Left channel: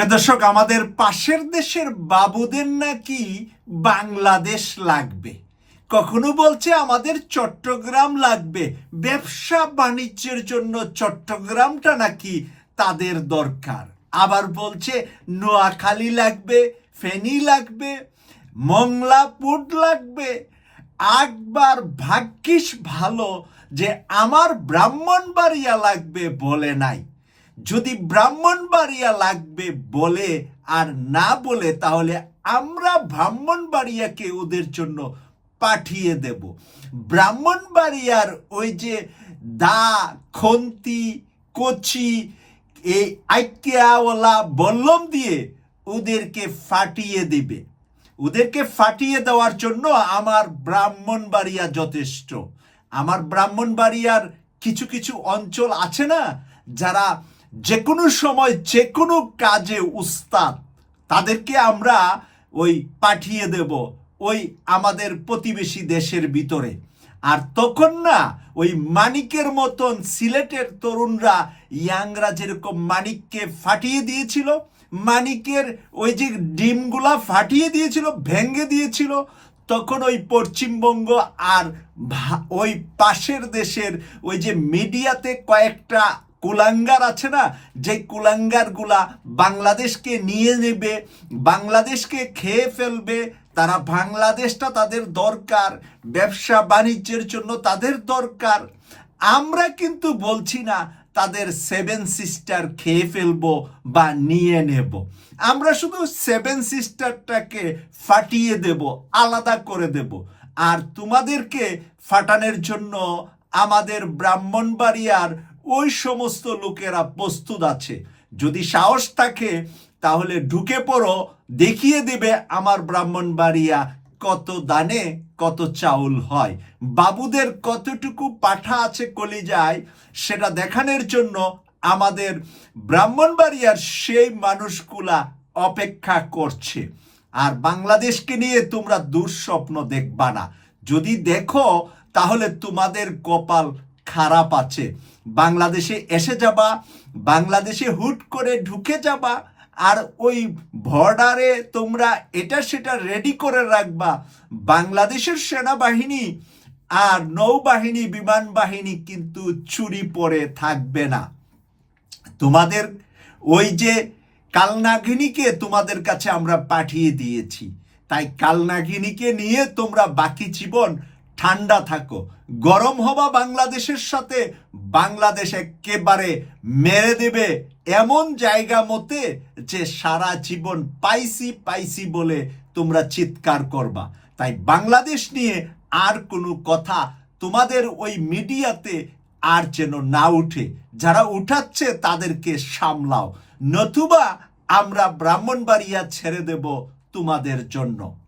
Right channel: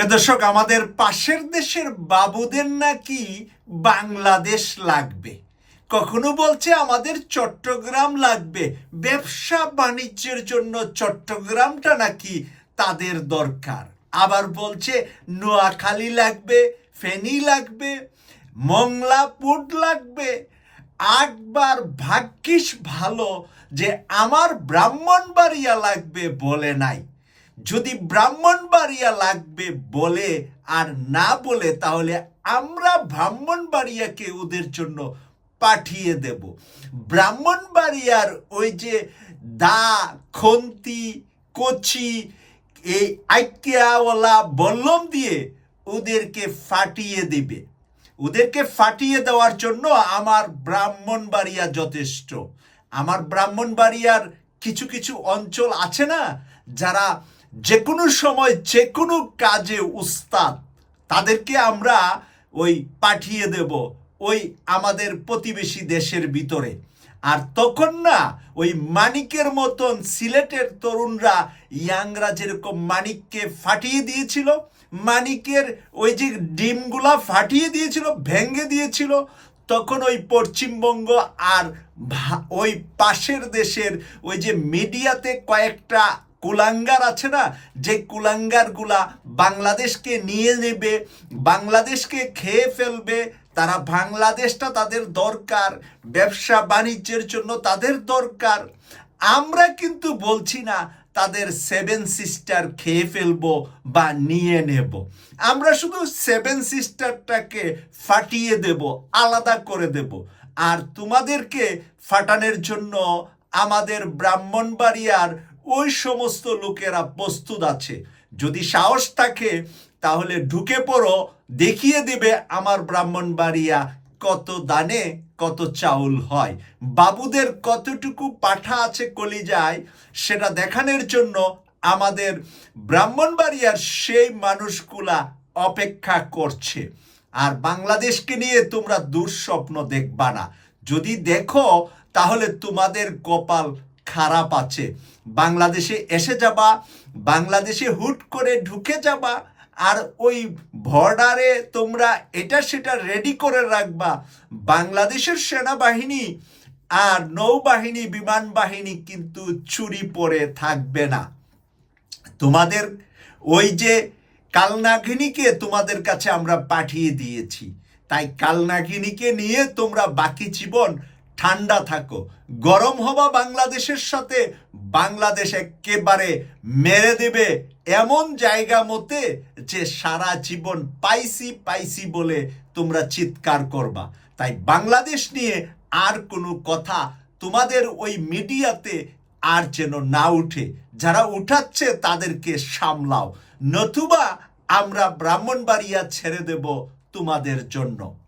প্রিয় দর্শক, আমাদের পাশের দেশের বাবুদের নাকি বাংলাদেশ লাগবে। কখনো বলছে আমাদের চট্টগ্রাম লাগবে। ব্যবসা বাণিজ্যের জন্য চট্টগ্রামটা নাকি তাদের দরকার। আবার বলছে নোয়াখালী লাগবে, ফেনী লাগবে মংলাপুট লাগবে। একবার ভাগ্যিস ভালো যে আমার ব্রাহ্মণবাড়িয়া লাগবে বলে নাই। যদি ব্রাহ্মণবাড়িয়া লাগবে বলে আর না বলে, তাহলে আমরা ব্রাহ্মণবাড়িয়াকে ওদের জন্য পাঠিয়ে দেব। ব্রাহ্মণবাড়িয়ার ওই যে দা, খন্তি, কচি, এই আইকিয়াওয়ালা বল্লম দিয়ে ওদেরকে ফাটিয়ে দেবে। ওদেরকে ফাটিয়ে দেওয়ার জন্য আমার ব্রাহ্মণবাড়িয়া যথেষ্ট। আমার ব্রাহ্মণবাড়িয়ার কিছু কিছু অঞ্চল আছে না, যারা যে কোনো সময় যে কোনো কাজে উস্তাদ, তাদেরকে আমরা ওই পাঠিয়ে দেব ওই আমাদের প্রতিবেশী দেশের ভিতরে। আর তখন না, ওই মানিকের মতন সিলেটের তরুণরা ইয়াংরা যেরকম মানিককে ফাটিয়ে দিয়েছিল, মানিকের ওই যে ডিমগুলা ফাটিয়ে দিয়েছিল ভেঙ্গে দিয়েছিল, তখন ওই পশ্চিমবঙ্গ আর ওই পাশের দেশের ওই যে মিডিয়াতে কয়েকটা কুলাঙ্গার আছে না, যে কুলাঙ্গারগুলা বাংলাদেশকে নিয়ে নেবে, বাংলাদেশকে খেয়ে ফেলবে, তারা বাংলাদেশটা তাদের দরকার, ব্যবসা বাণিজ্যের জন্য তাদের দরকার। আমরা কিন্তু বলছি না তাদের সেভেন সিস্টার খেয়ে ফেলব বা নিয়ে নেব। আমরা শুধু সেভেন সিস্টারটাকে ফাটিয়ে দেব, আলাদা করে দেব। আর তোমাদেরকে ফাটানোর জন্য আমাদের ব্রাহ্মণবাড়িয়ার ওই সমস্ত লোকেরা প্রস্তুত আছে। যদি সাহস থাকে, তাহলে ঢুকে পড়ো, দেখিয়ে দেবে আমার ব্রাহ্মণবাড়িয়া কত দানে, কত চাউল হয়। বাবুদের কতটুকু পাঠা আছে কলিজায়, সেটা দেখানোর জন্য আমাদের ব্রাহ্মণবাড়িয়ার সেই মানুষগুলা অপেক্ষা করছে। আর বাংলাদেশকে নিয়ে তোমরা দুঃস্বপ্ন দেখবা না। যদি দেখো, তাহলে তোমাদের কপাল খারাপ আছে। বাংলাদেশে এসে যাবা, বাংলাদেশে হুট করে ঢুকে যাবা, আর ওই বর্ডারে তোমরা এটা সেটা রেডি করে রাখবা। বাংলাদেশের সেনাবাহিনী আর নৌবাহিনী, বিমান বাহিনী কিন্তু চুরি পরে থাকবে না। তোমাদের ওই যে কালনাগিনীকে তোমাদের কাছে আমরা পাঠিয়ে দিয়েছি। তাই কালনাগিনীকে নিয়ে তোমরা বাকি জীবন ঠান্ডা থাকো। গরম হবা বাংলাদেশের সাথে বাংলাদেশ একেবারে মেরে দেবে এমন জায়গা মতে যে সারা জীবন পাইসি পাইসি বলে তোমরা চিৎকার করবা। তাই বাংলাদেশ নিয়ে আর কোনো কথা তোমাদের ওই মিডিয়াতে আর যেন না উঠে। যারা উঠাচ্ছে তাদেরকে সামলাও। নতুবা আমরা ব্রাহ্মণবাড়িয়া ছেড়ে দেব তোমাদের জন্য।